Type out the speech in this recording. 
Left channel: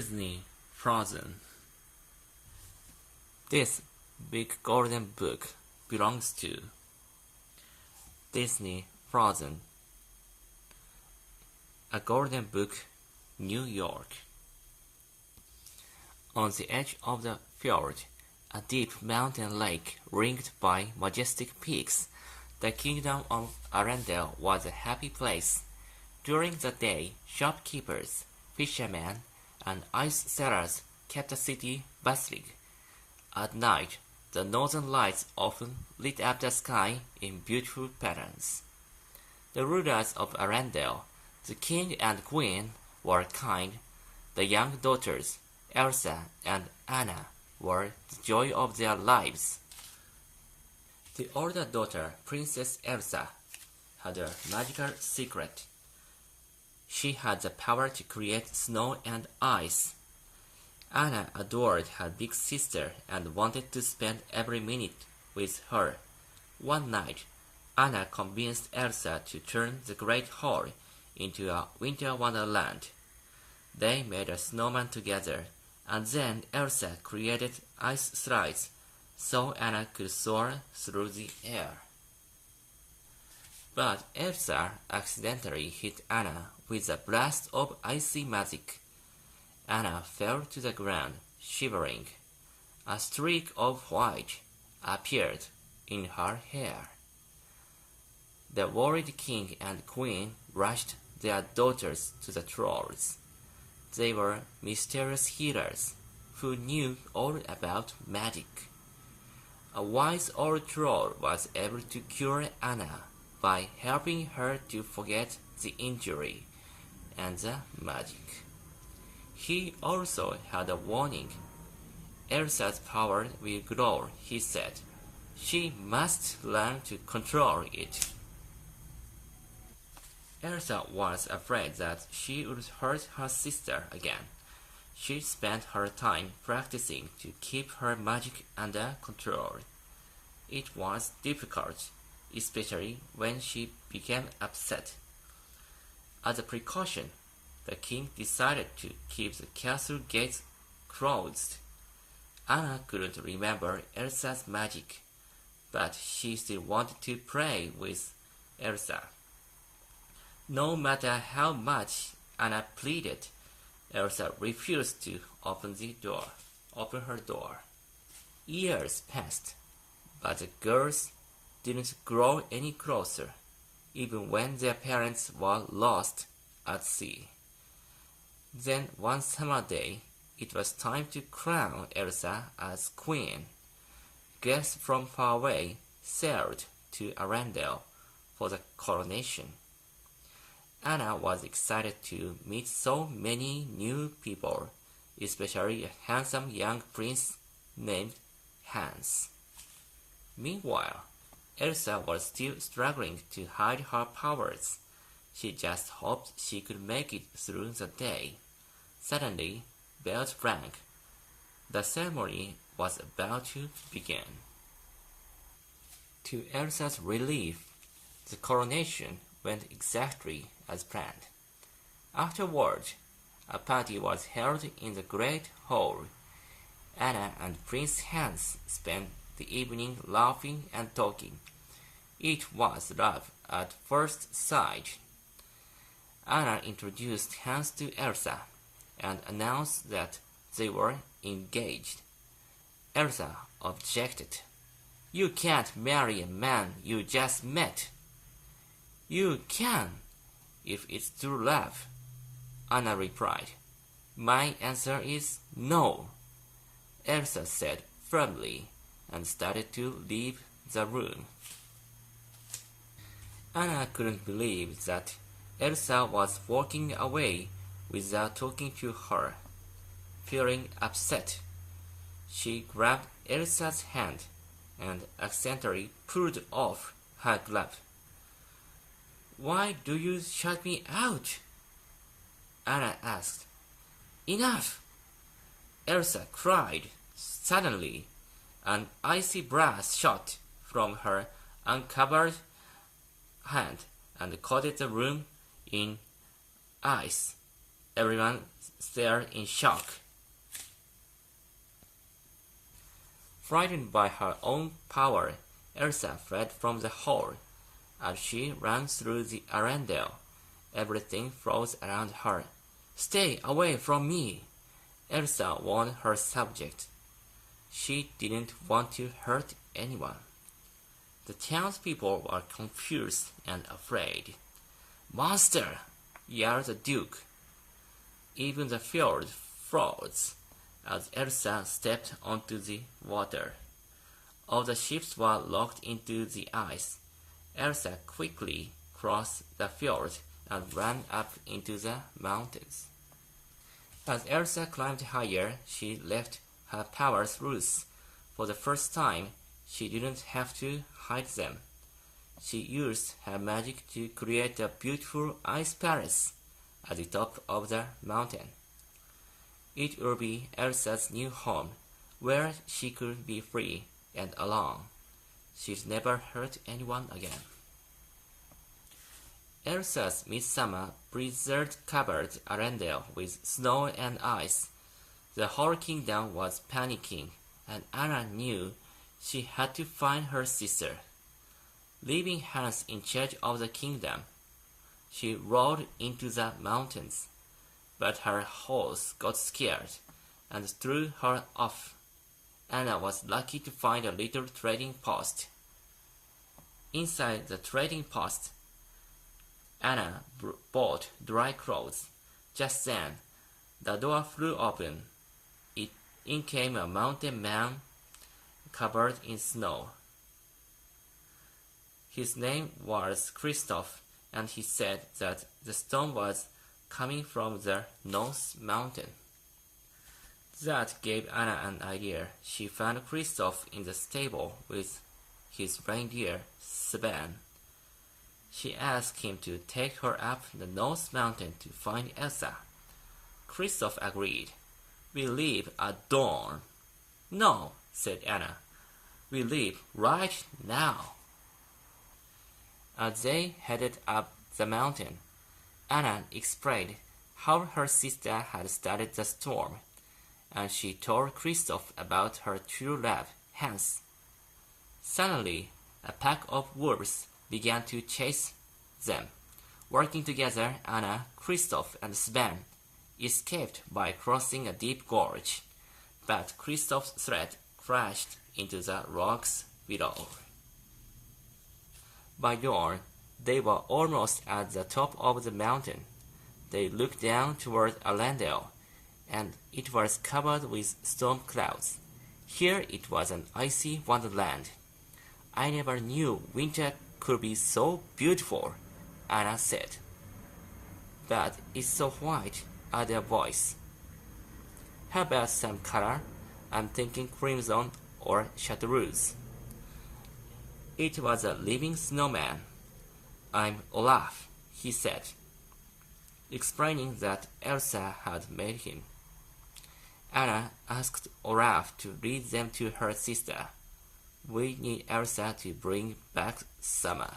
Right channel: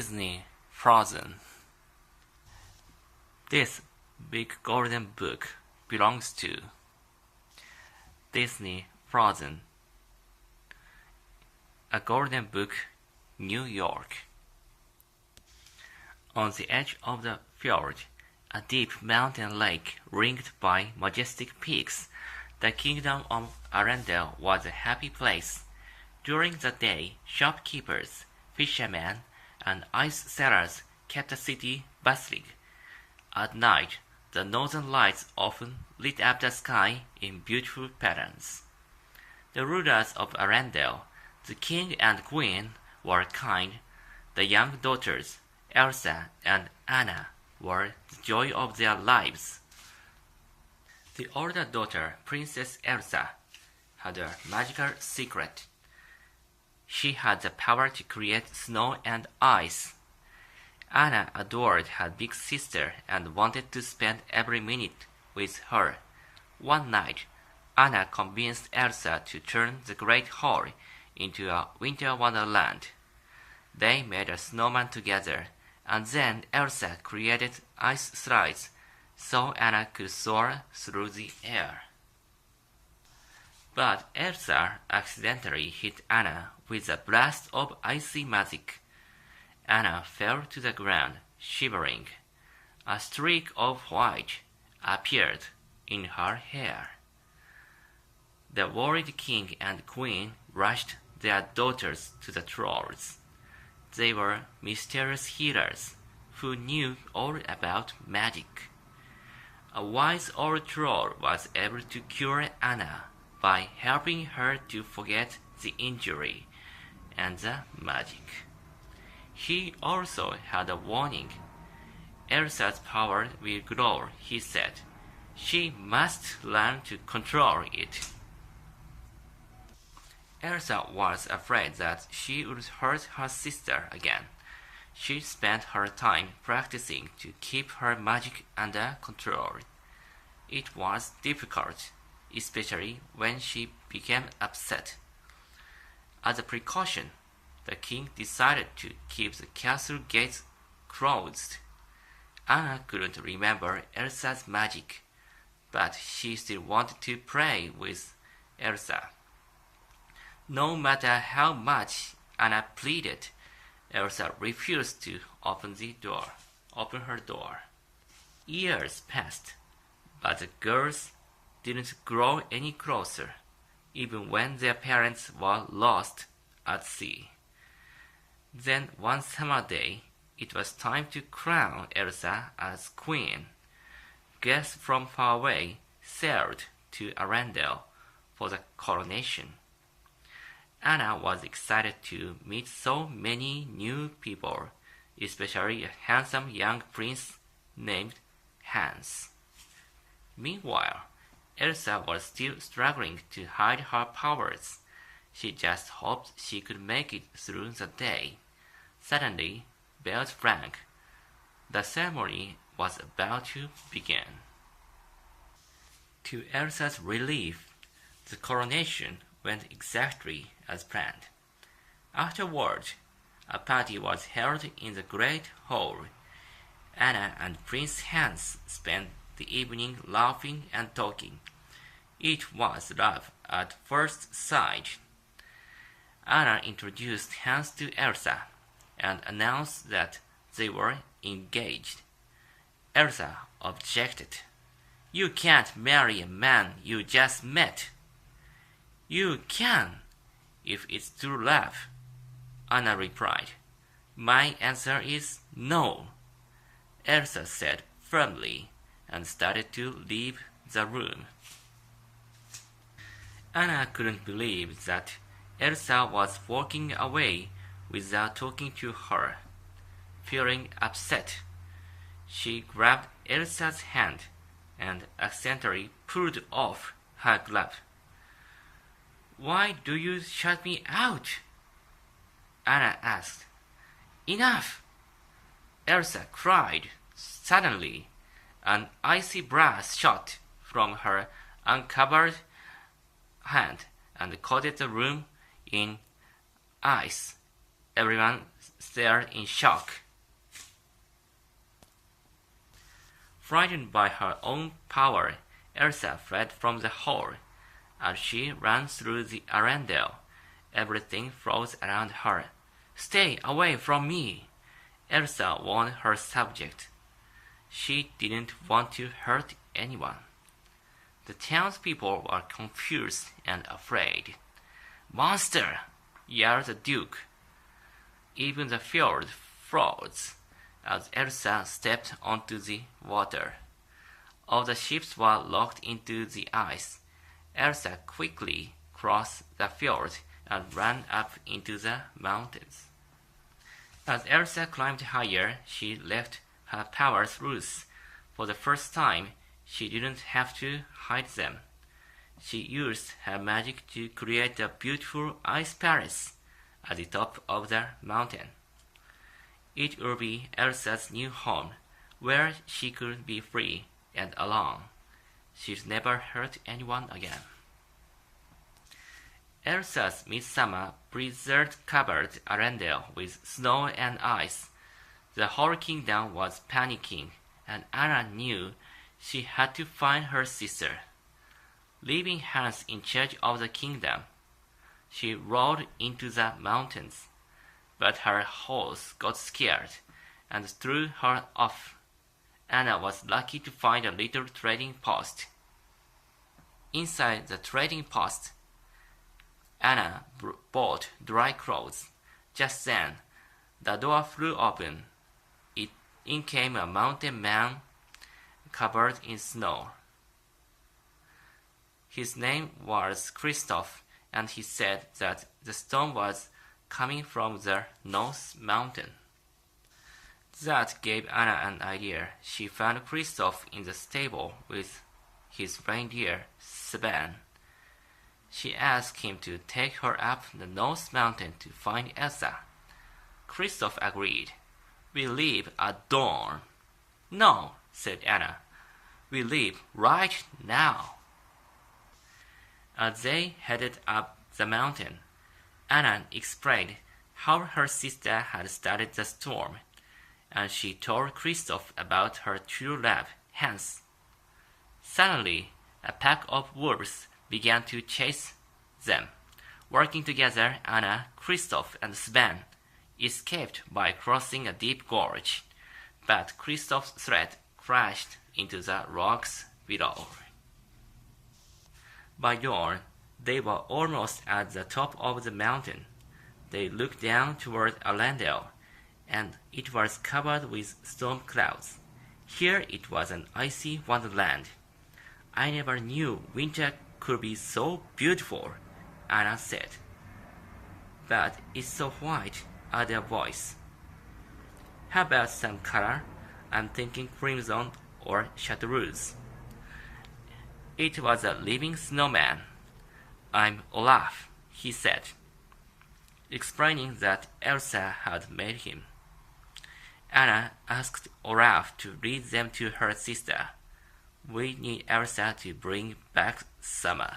Disney Frozen. This big golden book belongs to Disney Frozen. A Golden Book, New York. On the edge of the fjord, a deep mountain lake ringed by majestic peaks, the kingdom of Arendelle was a happy place. During the day, shopkeepers, fishermen, and ice sellers kept the city bustling. At night, the northern lights often lit up the sky in beautiful patterns. The rulers of Arendelle, the king and queen, were kind. The young daughters, Elsa and Anna, were the joy of their lives. The older daughter, Princess Elsa, had a magical secret. She had the power to create snow and ice. Anna adored her big sister and wanted to spend every minute with her. One night, Anna convinced Elsa to turn the Great Hall into a winter wonderland. They made a snowman together, and then Elsa created ice slides so Anna could soar through the air. But Elsa accidentally hit Anna with a blast of icy magic. Anna fell to the ground, shivering. A streak of white appeared in her hair. The worried king and queen rushed their daughters to the trolls. They were mysterious healers who knew all about magic. A wise old troll was able to cure Anna by helping her to forget the injury and the magic. He also had a warning. Elsa's power will grow, he said. She must learn to control it. Elsa was afraid that she would hurt her sister again. She spent her time practicing to keep her magic under control. It was difficult, especially when she became upset. As a precaution, the king decided to keep the castle gates closed. Anna couldn't remember Elsa's magic, but she still wanted to play with Elsa. No matter how much Anna pleaded, Elsa refused to open her door. Years passed, but the girls didn't grow any closer, even when their parents were lost at sea. Then one summer day, it was time to crown Elsa as queen. Guests from far away sailed to Arendelle for the coronation. Anna was excited to meet so many new people, especially a handsome young prince named Hans. Meanwhile, Elsa was still struggling to hide her powers. She just hoped she could make it through the day. Suddenly, bells rang. The ceremony was about to begin. To Elsa's relief, the coronation went exactly as planned. Afterward, a party was held in the great hall. Anna and Prince Hans spent the evening laughing and talking. It was love at first sight. Anna introduced Hans to Elsa and announced that they were engaged. Elsa objected. "You can't marry a man you just met." "You can, if it's true love," Anna replied. "My answer is no," Elsa said firmly and started to leave the room. Anna couldn't believe that Elsa was walking away without talking to her. Feeling upset, she grabbed Elsa's hand and accidentally pulled off her glove. "Why do you shut me out?" Anna asked. "Enough!" Elsa cried. Suddenly, an icy blast shot from her uncovered hand and coated the room in ice. Everyone stared in shock. Frightened by her own power, Elsa fled from the hall. As she ran through the Arendelle, everything froze around her. "Stay away from me!" Elsa warned her subject. She didn't want to hurt anyone. The townspeople were confused and afraid. "Monster!" yelled the Duke. Even the fjord froze as Elsa stepped onto the water. All the ships were locked into the ice. Elsa quickly crossed the fjord and ran up into the mountains. As Elsa climbed higher, she left her powers loose. For the first time, she didn't have to hide them. She used her magic to create a beautiful ice palace at the top of the mountain. It would be Elsa's new home, where she could be free and alone. She'd never hurt anyone again. Elsa's midsummer blizzard covered Arendelle with snow and ice. The whole kingdom was panicking, and Anna knew she had to find her sister. Leaving Hans in charge of the kingdom, she rode into the mountains, but her horse got scared and threw her off. Anna was lucky to find a little trading post. Inside the trading post, Anna bought dry clothes. Just then, the door flew open. In came a mountain man covered in snow. His name was Kristoff, and he said that the storm was coming from the North Mountain. That gave Anna an idea. She found Kristoff in the stable with his reindeer, Sven. She asked him to take her up the North Mountain to find Elsa. Kristoff agreed. "We leave at dawn." "No," said Anna. "We leave right now." As they headed up the mountain, Anna explained how her sister had started the storm, and she told Kristoff about her true love, Hans. Suddenly, a pack of wolves began to chase them. Working together, Anna, Kristoff, and Sven escaped by crossing a deep gorge, but Kristoff's sled crashed into the rocks below. By dawn, they were almost at the top of the mountain. They looked down toward Arendelle, and it was covered with storm clouds. Here it was an icy wonderland. "I never knew winter could be so beautiful," Anna said. "But it's so white," added a voice. "How about some color? I'm thinking crimson or chartreuse." It was a living snowman. "I'm Olaf," he said, explaining that Elsa had made him. Anna asked Olaf to lead them to her sister. "We need Elsa to bring back summer."